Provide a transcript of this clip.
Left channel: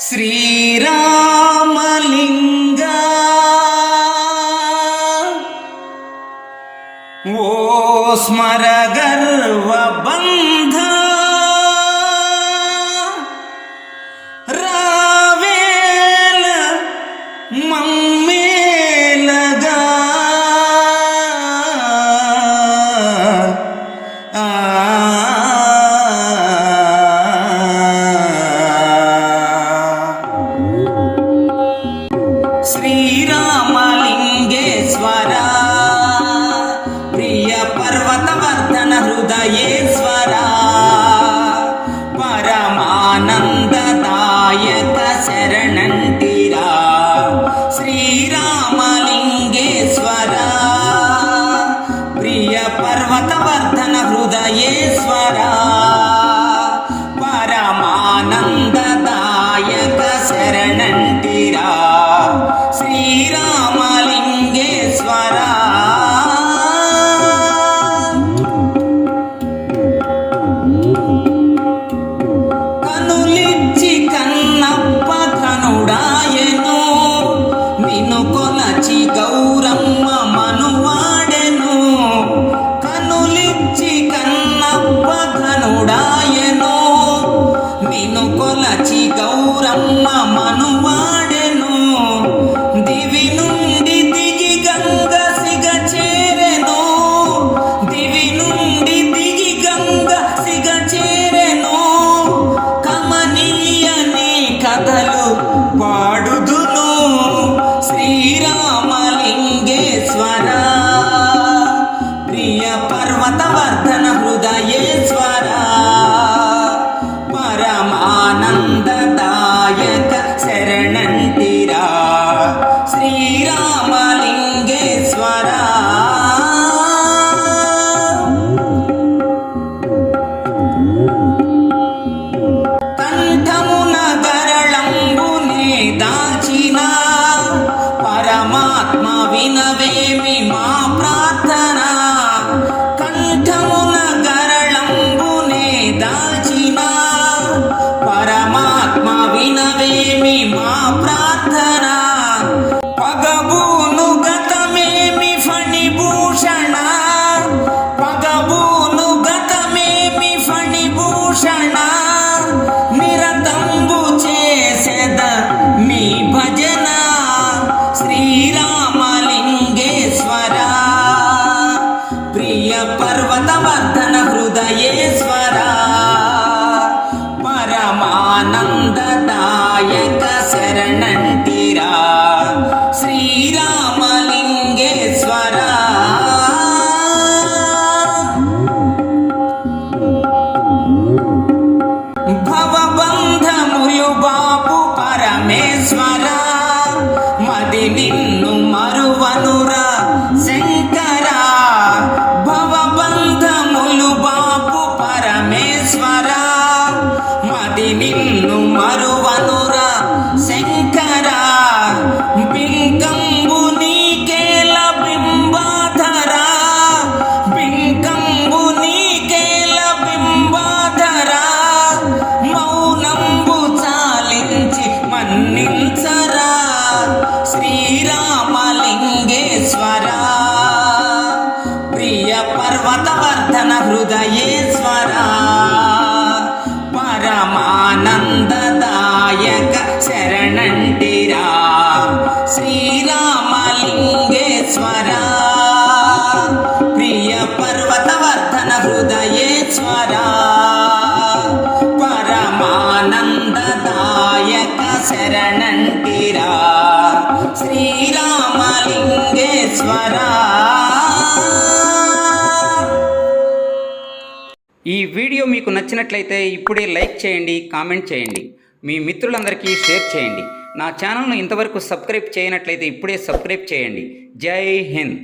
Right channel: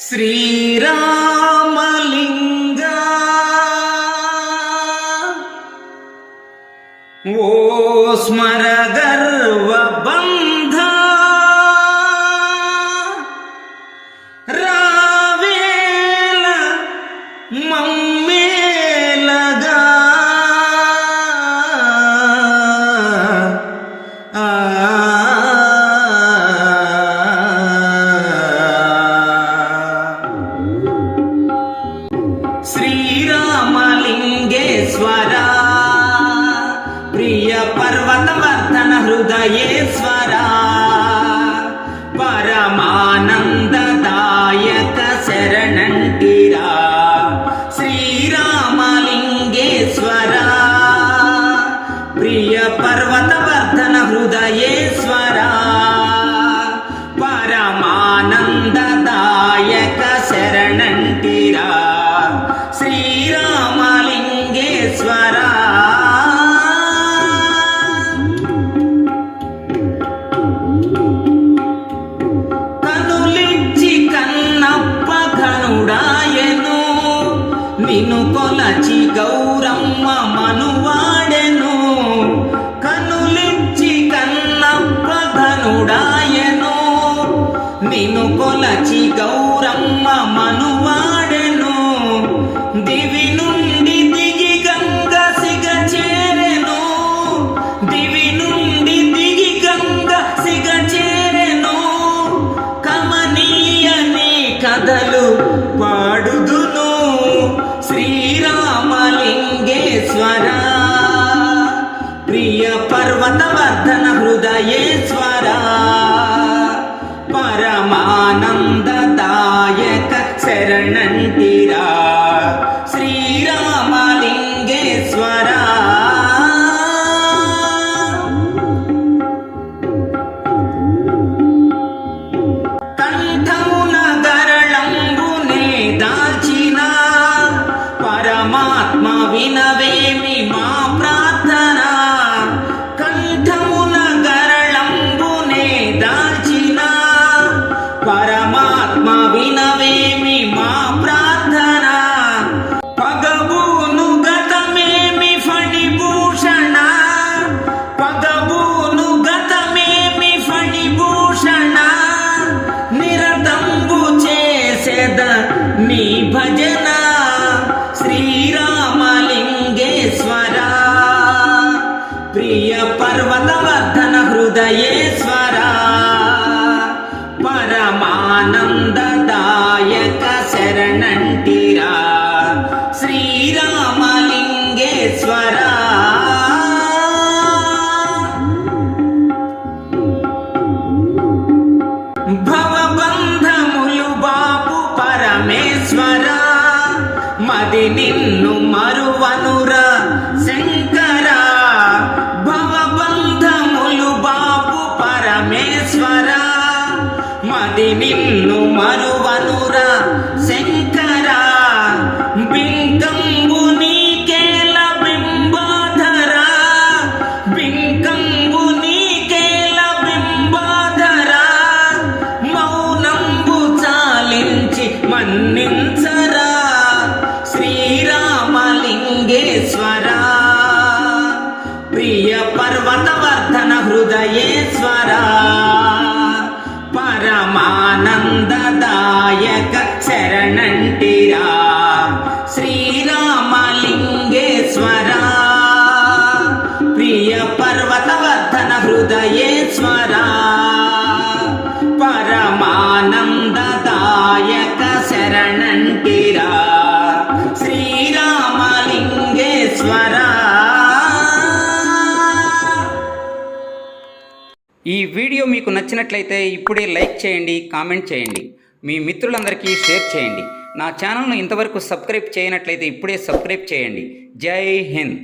ശ്രീരാമലിംഗ. ഓ സ്മരഗർവബന്ധ. രാവേല മമ്മേലഗ. ആ ఈశ్వర పరమానందదాయక శరణంటిరా శ్రీరామలింగేశ్వర ప్రియ పర్వతవర్ధన హృదయేశ్వరా. నిన్ను కొలచి గౌరమ్మ మనువాడెను. కనులిచ్చి కన్నప్ప ధనుడాయను. నిన్ను కొలచి గౌరమ్మ మనువాడెను. దివి నుండి దిగి గంగ సిగ చేరెను. దివి నుండి దిగి గంగ సిగ చేరెను. కమనీయని కథలు ప్రియ పర్వతవర్ధన హృదయేశ్వర పరమానందదాయక శరణంటిరా శ్రీరామలింగేశ్వర. కంఠమున గరళంబునే దాచిన. పరమాత్మ వినవేమి మా ప్రార్థన. నీ భజన శ్రీరామలింగేశ్వర. ప్రియ పర్వతవర్ధన హృదయేశ్వర. పరమానందదాయక శరణ. శంకరా మది నిన్ను మరువనురా. శంకరా భవబంధములు బాపు పరమేశ్వర. మది నిన్ను మరువనురా. శంకరా మన్నించరా? శ్రీరామలింగేశ్వరా. ప్రియ పర్వతవర్ధన హృదయేశ్వరా. పరమానందదాయక శరణంటిరా. శ్రీరామలింగేశ్వరా. ప్రియ పర్వతవర్ధన హృదయేశ్వరా. పరమానందదాయక శరణంటిరా. శ్రీరామలింగేశ్వర. ఈ వీడియో మీకు నచ్చినట్లయితే ఇప్పుడే లైక్ చేయండి కామెంట్ చేయండి. మీ మిత్రులందరికీ షేర్ చేయండి. నా ఛానల్ను ఇంతవరకు సబ్స్క్రైబ్ చేయనట్లయితే ఇప్పుడే సబ్స్క్రైబ్ చేయండి. జై హింద్.